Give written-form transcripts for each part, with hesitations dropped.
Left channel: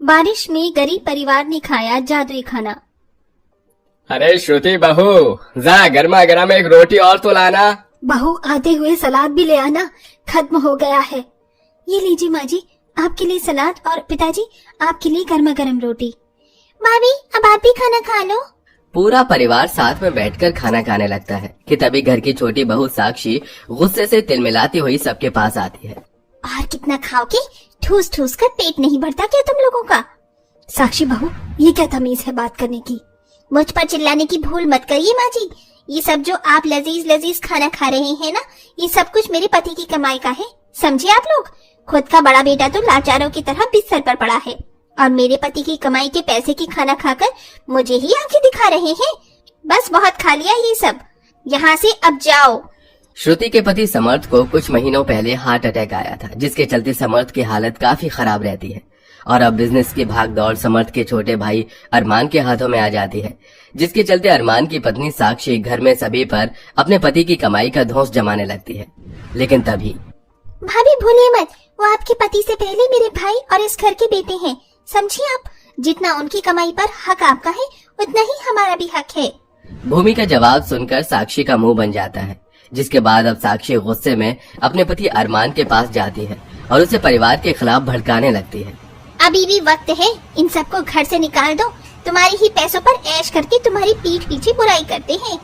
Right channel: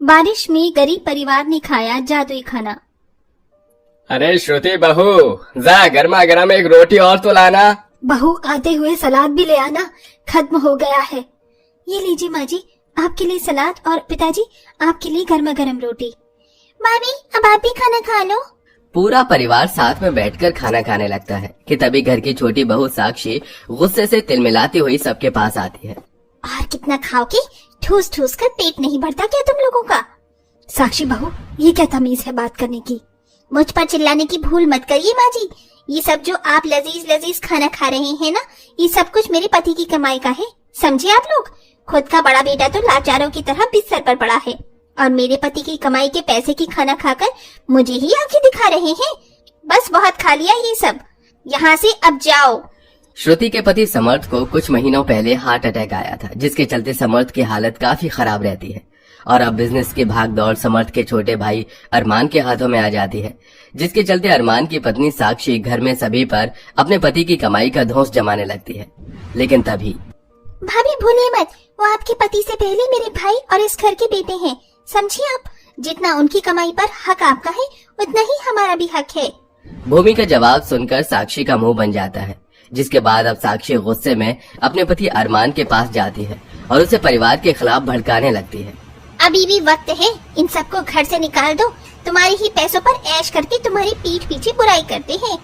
बारिश में गरीब परिवार ने खाया जादुई खाना। अरे श्रुति बहू, जा गर्मा गर्म एक रोटी और तो लाना। बहू आते हुए सलाद भी ले आना, खत्म हो गया है। ये लीजिए माँ जी, आपके लिए सलाद और पिताजी आपके लिए गर्मा गर्म रोटी। भाभी अब आप भी खाना खा लो। पूरा परिवार साथ में बैठकर खाना खाने लगता है कि तभी घर की छोटी बहू साक्षी गुस्से से तिलमिलाती हुई सबके पास आती है। और कितना खाओगे? ठूस ठूस कर पेट नहीं भरता क्या तुम लोगों का? साक्षी बहू, ये क्या तमीज है बात करने की? मुझ पर चिल्लाने की भूल मत करिए माँ जी। ये सब जो आप लजीज लजीज खाना खा रहे हैं ना, ये सब कुछ मेरे पति की कमाई का है, समझे आप लोग? खुद का बड़ा बेटा तो लाचारों की तरह बिस्तर पर पड़ा है और मेरे पति की कमाई के पैसे की खाना खाकर मुझे ही आंखें दिखा रहे हैं। बस बहुत खा लिया ये सब, यहाँ से अब जाओ। श्रुति के पति समर्थ को कुछ महीनों पहले हार्ट अटैक आया था, जिसके चलते समर्थ की हालत काफी खराब रहती है और अब बिजनेस की भाग दौड़ समर्थ के छोटे भाई अरमान के हाथों में आ जाती है, जिसके चलते अरमान की पत्नी साक्षी घर में सभी पर अपने पति की कमाई का धौंस जमाने लगती है। लेकिन तभी भाभी भूलिए मत, वो आपके पति से पहले मेरे भाई और इस घर के बेटे हैं, समझिए आप? जितना उनकी कमाई पर हक आपका है उतना ही हमारा भी हक है। भूमि का जवाब सुनकर साक्षी का मुंह बन जाता है, जिसके बाद अब साक्षी गुस्से में अपने पति अरमान के पास जाती है और उसे परिवार के खिलाफ भड़काने लगती है। अभी भी वक्त है, इन सबको घर से निकाल दो। तुम्हारी ही पैसों पर ऐश करके तुम्हारी पीठ पीछे बुराई करते हैं।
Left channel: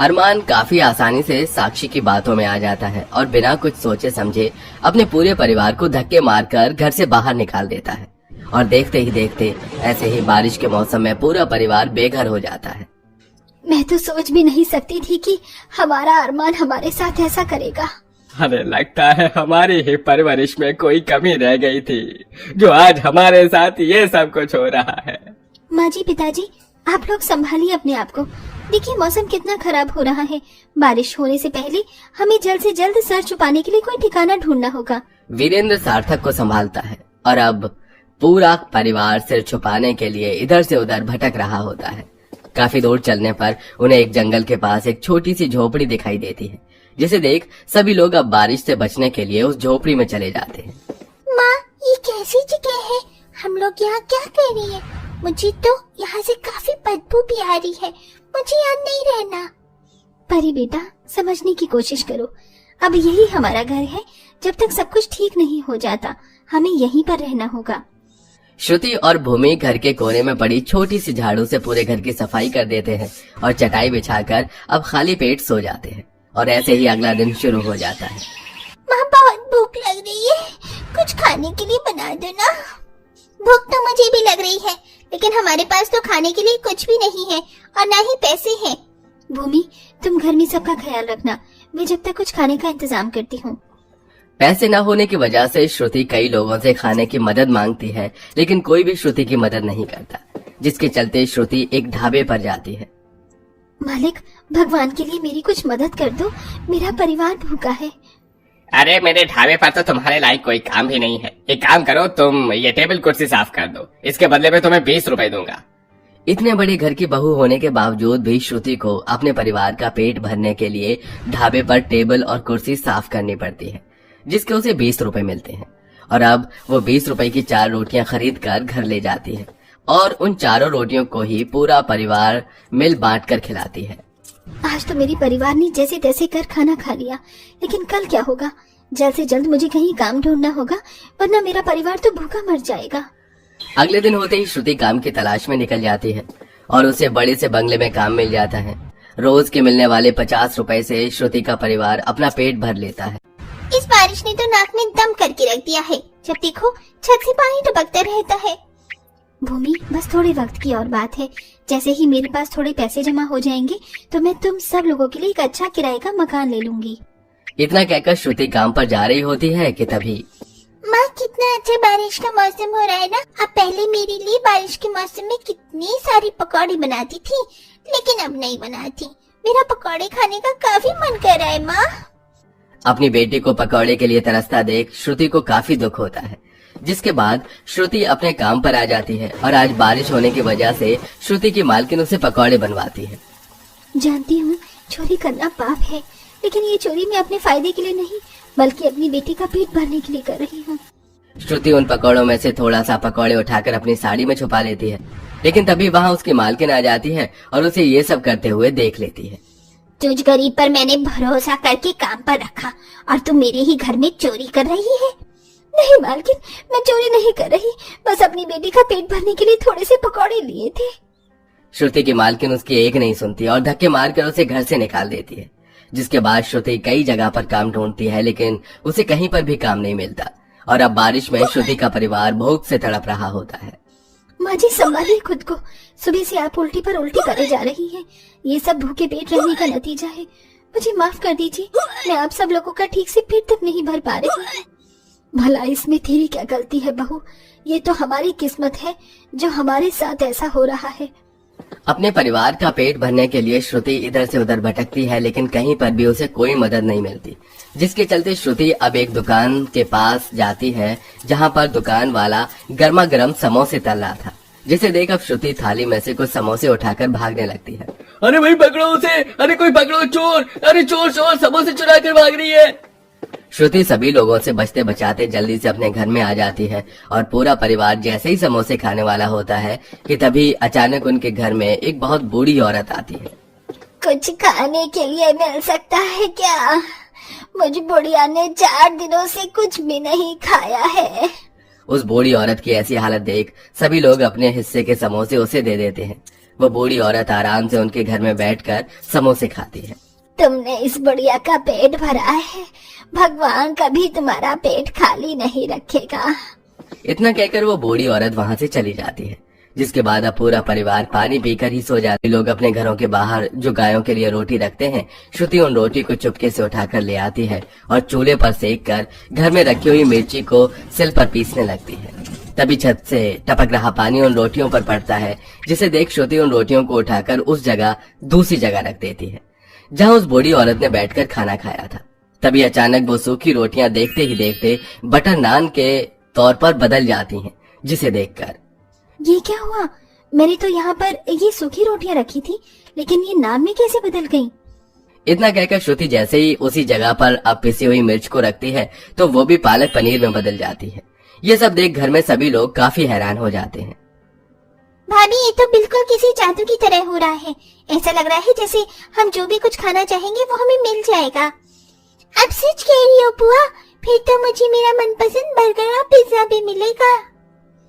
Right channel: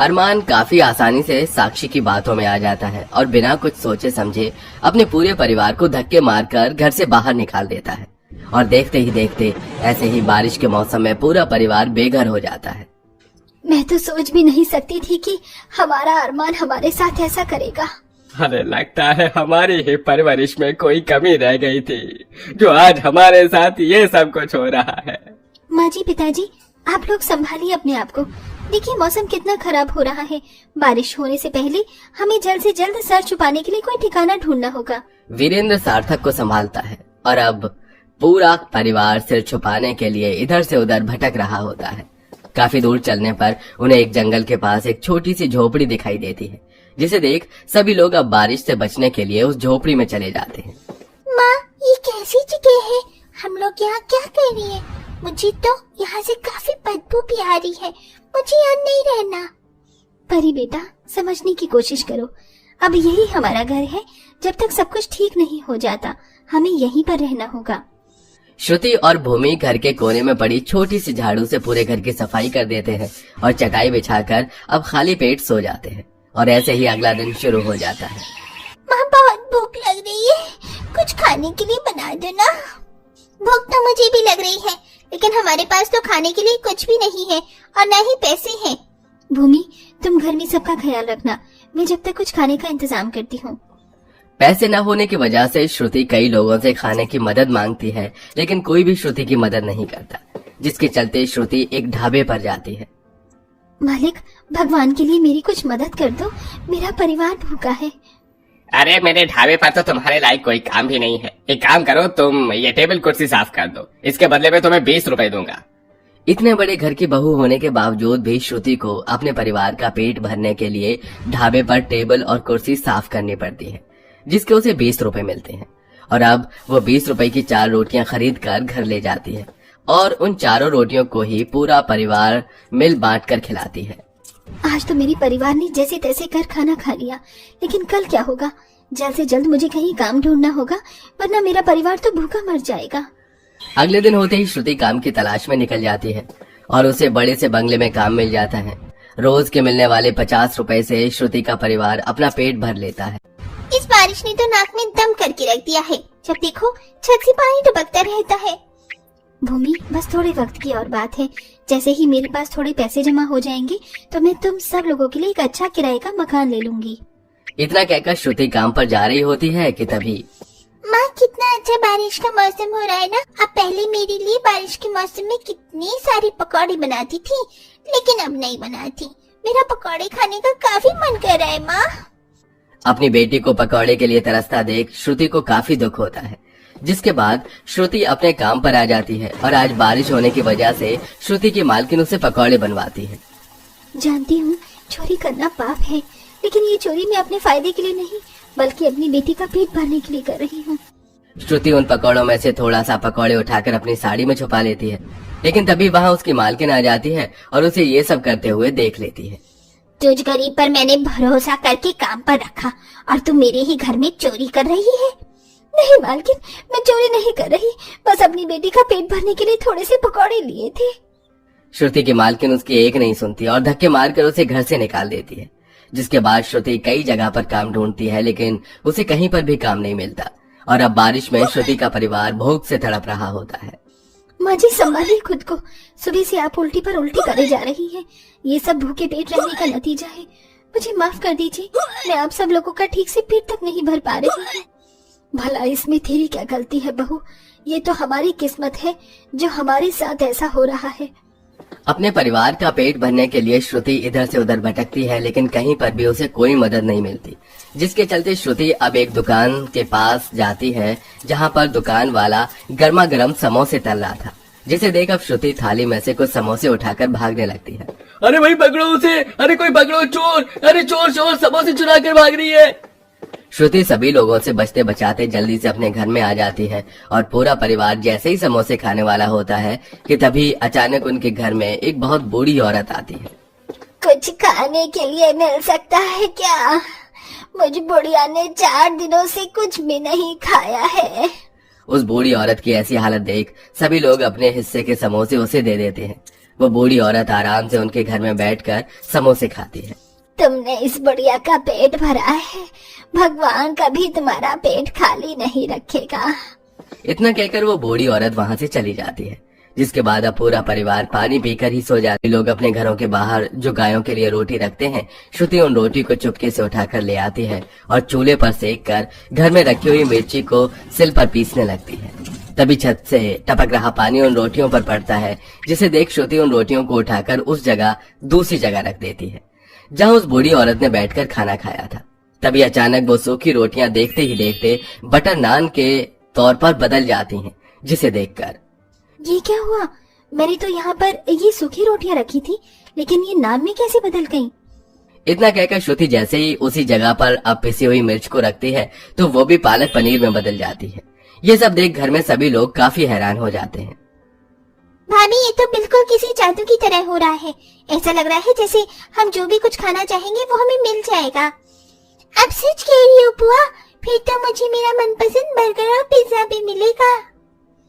अरमान काफी आसानी से साक्षी की बातों में आ जाता है और बिना कुछ सोचे समझे अपने पूरे परिवार को धक्के मारकर घर से बाहर निकाल देता है और देखते ही देखते ऐसे ही बारिश के मौसम में पूरा परिवार बेघर हो जाता है। मैं तो सोच भी नहीं सकती थी कि हमारा अरमान हमारे साथ ऐसा करेगा। हमें लगता है हमारी ही परवरिश में कोई कमी रह गई थी, जो आज हमारे साथ ये सब कुछ हो रहा है। माँ जी, पिताजी, आप लोग संभालिए अपने आप को। देखिए मौसम कितना खराब हो रहा है। बारिश होने से पहले हमें जल्द से जल्द सर छुपाने के लिए कोई ठिकाना ढूंढना होगा। वीरेंद्र सार्थक को संभालता है और अब पूरा परिवार सिर छुपाने के लिए इधर से उधर भटक रहा होता है। काफी दूर चलने पर उन्हें एक जंगल के पास एक छोटी सी झोपड़ी दिखाई देती है, जिसे देख सभी लोग अब बारिश से बचने के लिए उस झोपड़ी में चले जाते हैं। माँ, ये कैसी जगह है? हम लोग यहाँ क्या कर रहे हैं? मुझे तो यहाँ से काफी बदबू भी आ रही है, मुझे यहाँ नहीं रहना। परी बेटा, समझने की कोशिश करो। अब यही हमारा घर है, जब तक सब कुछ ठीक नहीं हो जाता हमें यहीं पर रहना होगा। श्रुति और भूमि घर के कोने में पड़ी छोटी सी झाड़ू से पूरे घर की सफाई कर देते हैं और चटाई बिछाकर अब खाली पेट सो जाते हैं और ऐसे ही अगला दिन शुरू हो जाता है। माँ, बहुत भूख लग रही है, कुछ खाने के लिए बना दो ना। भूख तो मुझे भी लग रही है, लेकिन हमारे पास तो खाने के लिए कुछ भी नहीं है और न ही पैसे हैं। भूमि, तुम घर में सबका ख्याल रखना, मैं जब तक कुछ खाने का इंतजाम करती हूँ। पैसे न होने की वजह से श्रुति कई लोगों से खाने की मदद मांगती है, लेकिन कोई भी श्रुति की मदद नहीं करता, जिसके चलते श्रुति एक ढाबे पर जाती है। मालिक, भगवान के लिए मेरी कुछ मदद कर दो, मेरा परिवार भूखा है। अरे मेरे ढाबे पर तो तुम्हारे लायक कोई काम भी नहीं है। एक काम करो, तुम ये टेबल कुर्सी साफ कर दो, इसके बदले में तुम्हें 20 रुपए दूंगा। इतने बड़े घर की बहू होने के बावजूद भी श्रुति को अपने परिवार का पेट भरने के लिए ढाबे पर टेबल और कुर्सी साफ करनी पड़ती है, जिसके उसे 20 रुपए मिलते हैं और अब वो 20 रुपए की 4 रोटियां खरीद कर घर ले जाती है और उन चारों रोटियों को ही पूरा परिवार मिल बांट कर खिलाती है। आज तो मेरी परिवार ने जैसे तैसे कर खाना खा लिया, लेकिन कल क्या होगा? जल्द से जल्द मुझे कहीं काम ढूंढना होगा, वरना मेरा परिवार तो भूखा मर जाएगा। अगले दिन होते ही श्रुति काम की तलाश में निकल जाती है और उसे बड़े से बंगले में काम मिल जाता है। रोज के मिलने वाले 50 रुपए से श्रुति का परिवार अपना पेट भर लेता है। इस बारिश ने तो नाक में दम करके रख दिया है, जब देखो छत से पानी टपकता रहता है। भूमि, बस थोड़े वक्त की और बात है। जैसे ही मेरे पास थोड़े पैसे जमा हो जाएंगे तो मैं तुम सब लोगों के लिए एक अच्छा किराए का मकान ले लूंगी। इतना कहकर श्रुति काम पर जा रही होती है कि तभी माँ, कितना अच्छा बारिश का मौसम हो रहा है ना। अब पहले मेरे लिए बारिश के मौसम में कितनी सारी पकौड़ी बनाती थी, लेकिन अब नहीं बनाती। मेरा पकौड़े खाने का काफी मन कर रहा है माँ। अपनी बेटी को पकौड़े के लिए तरसता देख श्रुति को काफी दुख होता है, जिसके बाद श्रुति अपने काम पर आ जाती है और आज बारिश होने की वजह से श्रुति की मालकिन उसे पकौड़े बनवाती है। जानती हूँ चोरी करना पाप है, लेकिन ये चोरी मैं अपने फायदे के लिए नहीं बल्कि अपनी बेटी का पेट भरने के लिए कर रही हूँ। श्रुति उन पकौड़ों में से थोड़ा सा पकौड़े उठाकर अपनी साड़ी में छुपा लेती है, लेकिन तभी वहाँ उसकी मालकिन आ जाती है और उसे ये सब करते हुए देख लेती है। तुझ गरीब पर मैंने भरोसा करके काम पर रखा और तू मेरे ही घर में चोरी कर रही है। नहीं मालकिन, मैं चोरी नहीं कर रही, बस अपनी बेटी का पेट भरने के लिए थोड़े से पकौड़े लिए थे। श्रुति की मालकिन उसकी एक नहीं सुनती और धक्के मारकर उसे घर से निकाल देती है, जिसके बाद श्रुति कई जगह पर काम ढूंढती है, लेकिन उसे कहीं पर भी काम नहीं मिलता। और अब बारिश में श्रुति का परिवार भूख से तड़प रहा होता है। माँ जी संभालिए खुद को, सुबह से आप उल्टी पर उल्टी करे जा रही हैं। ये सब भूखे पेट रहने का नतीजा है। मुझे माफ कर दीजिए, मैं आप सब लोगों का ठीक से पेट तक नहीं भर पा रही हूँ। भला इसमें तेरी क्या गलती है बहू? ये तो हमारी किस्मत है जो हमारे साथ ऐसा हो रहा है। अपने परिवार का पेट भरने के लिए श्रुति इधर से उधर भटकती है, लेकिन कहीं पर भी उसे कोई मदद नहीं मिलती, जिसके चलते श्रुति अब एक दुकान के पास जाती है, जहां पर दुकान वाला गर्मा गर्म समोसे तल रहा था, जिसे देख अब श्रुति थाली में से कुछ समोसे उठाकर भागने लगती है। अरे भाई पकड़ो उसे, अरे कोई पकड़ो, चोर, अरे चोर चोर समोसे चुरा कर भाग रही है। श्रुति सभी लोगों से बचते बचाते जल्दी से अपने घर में आ जाती है और पूरा परिवार जैसे ही समोसे खाने वाला होता है कि तभी अचानक उनके घर में एक बहुत बूढ़ी औरत आती है। कुछ खाने के लिए मिल सकता है क्या? मुझे बुढ़िया ने 4 दिनों से कुछ भी नहीं खाया है। उस बूढ़ी औरत की ऐसी हालत देख सभी लोग अपने हिस्से के समोसे उसे दे देते हैं। वो बूढ़ी औरत आराम से उनके घर में बैठकर समोसे खाती है। तुमने इस बुढ़िया का पेट भरा है, भगवान कभी तुम्हारा पेट खाली नहीं रखेगा। इतना कहकर वो बूढ़ी औरत वहाँ से चली जाती है, जिसके बाद अब पूरा परिवार पानी पीकर ही सो जाते। लोग अपने घरों के बाहर जो गायों के लिए रोटी रखते हैं, श्रुति उन रोटी को चुपके से उठाकर ले आती है और चूल्हे पर सेक कर घर में रखी हुई मिर्ची को सिल पर पीसने लगती है। तभी छत से टपक रहा पानी उन रोटियों पर पड़ता है, जिसे देख श्रुति उन रोटियों को उठाकर उस जगह दूसरी जगह रख देती है, जहाँ उस बूढ़ी औरत ने बैठकर खाना खाया था। तभी अचानक वो सूखी रोटियां देखते ही देखते बटर नान के तौर पर बदल जाती हैं, जिसे देखकर ये क्या हुआ? मैंने तो यहाँ पर ये सूखी रोटियां रखी थी, लेकिन ये नान में कैसे बदल गई? इतना कहकर श्रुति जैसे ही उसी जगह पर अब पिसी हुई मिर्च को रखती है तो वो भी पालक पनीर में बदल जाती है। ये सब देख घर में सभी लोग काफी हैरान हो जाते हैं। भाभी, ये तो बिल्कुल किसी जादू की तरह हो रहा है। ऐसा लग रहा है जैसे हम जो भी कुछ खाना चाहेंगे वो हमें मिल जाएगा। अब सच कह रही हो बुआ? फिर तो मुझे मेरा मनपसंद बर्गर और पिज्जा भी मिलेगा।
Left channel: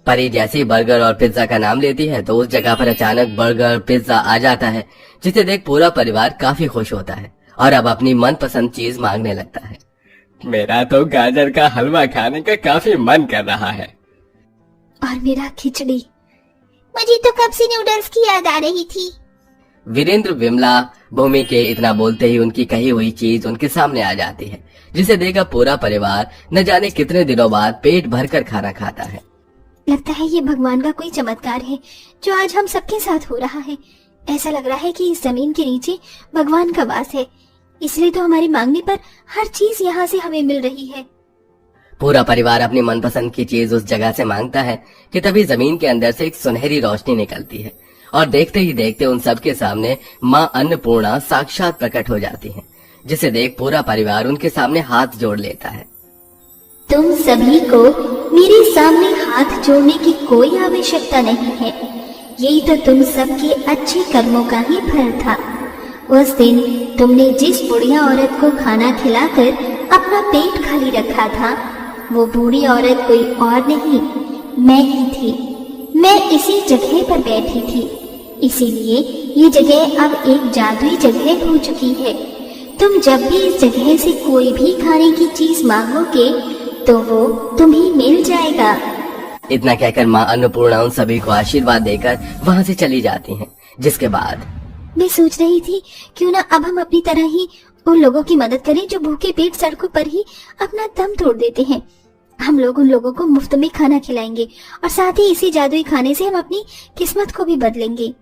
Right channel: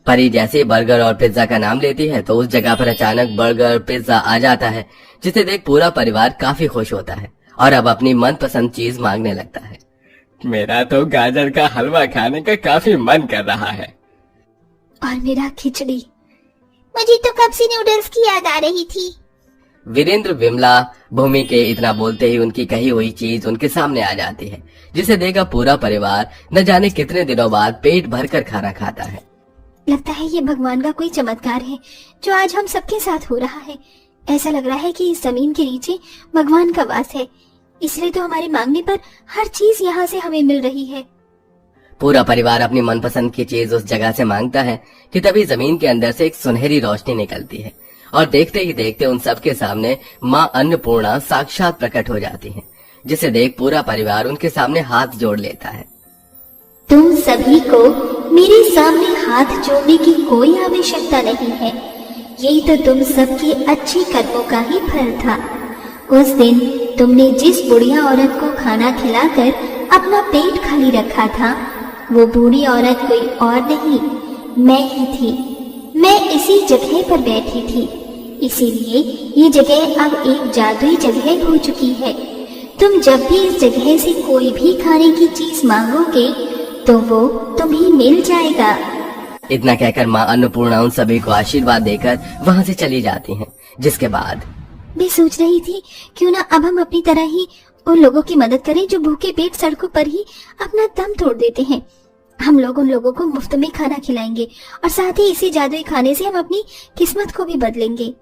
परी जैसे ही बर्गर और पिज्जा का नाम लेती है तो उस जगह पर अचानक बर्गर पिज्जा आ जाता है, जिसे देख पूरा परिवार काफी खुश होता है और अब अपनी मनपसंद चीज मांगने लगता है। मेरा तो गाजर का हलवा खाने का काफी मन कर रहा है। और मेरा खिचड़ी। मुझे तो कब से नूडल्स की याद आ रही थी। वीरेंद्र विमला भूमि के इतना बोलते ही उनकी कही हुई चीज उनके सामने आ जाती है, जिसे देखकर पूरा परिवार न जाने कितने दिनों बाद पेट भरकर खाना खाता है। लगता है ये भगवान का कोई चमत्कार है जो आज हम सबके साथ हो रहा है। ऐसा लग रहा है कि इस जमीन के नीचे भगवान का वास है, इसलिए तो हमारी मांगने पर हर चीज यहाँ से हमें मिल रही है। पूरा परिवार अपनी मनपसंद की चीज उस जगह से मांगता है कि तभी जमीन के अंदर से एक सुनहरी रोशनी निकलती है और देखते ही देखते उन सबके सामने माँ अन्नपूर्णा साक्षात प्रकट हो जाती है, जिसे देख पूरा परिवार उनके सामने हाथ जोड़ लेता है। तुम सभी को मेरे सामने हाथ जोड़ने की कोई आवश्यकता नहीं है। यही तो तुम सबके अच्छे कर्मों का ही फल था। उस दिन तुमने जिस बुढ़िया औरत को खाना खिलाकर अपना पेट खाली रखा था, वो बूढ़ी औरत कोई और नहीं, मैं ही थी। मैं इसी जगह पर बैठी थी, इसीलिए ये जगह अब एक जादुई जगह हो चुकी है। तुम जब भी इस जगह से कोई भी खाने की चीज मांगोगे तो वो तुम्हें मिल जाएगा। इतना कहकर माँ अन्नपूर्णा उन सभी को आशीर्वाद देकर वहाँ से चली जाती हैं, जिसके बाद मैं सोच रही थी क्यों ना अब हम अपनी तरह ही उन लोगों की मदद करें जो भूखे पेट सड़कों पर ही अपना दम तोड़ देते हैं। हम लोग उन लोगों को मुफ्त में खाना खिलाएंगे और साथ ही इसी जादुई खाने से हम अपनी किस्मत को भी बदलेंगे।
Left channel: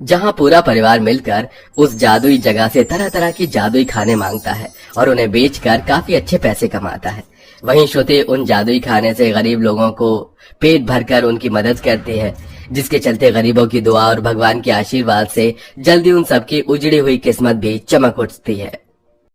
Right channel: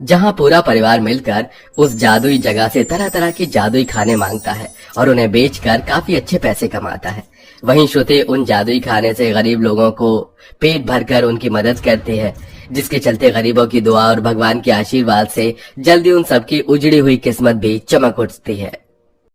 जहाँ पूरा परिवार मिलकर उस जादुई जगह से तरह तरह की जादुई खाने मांगता है और उन्हें बेचकर काफी अच्छे पैसे कमाता है। वहीं श्रुति उन जादुई खाने से गरीब लोगों को पेट भरकर उनकी मदद करती है, जिसके चलते गरीबों की दुआ और भगवान के आशीर्वाद से जल्दी उन सबकी उजड़ी हुई किस्मत भी चमक उठती है।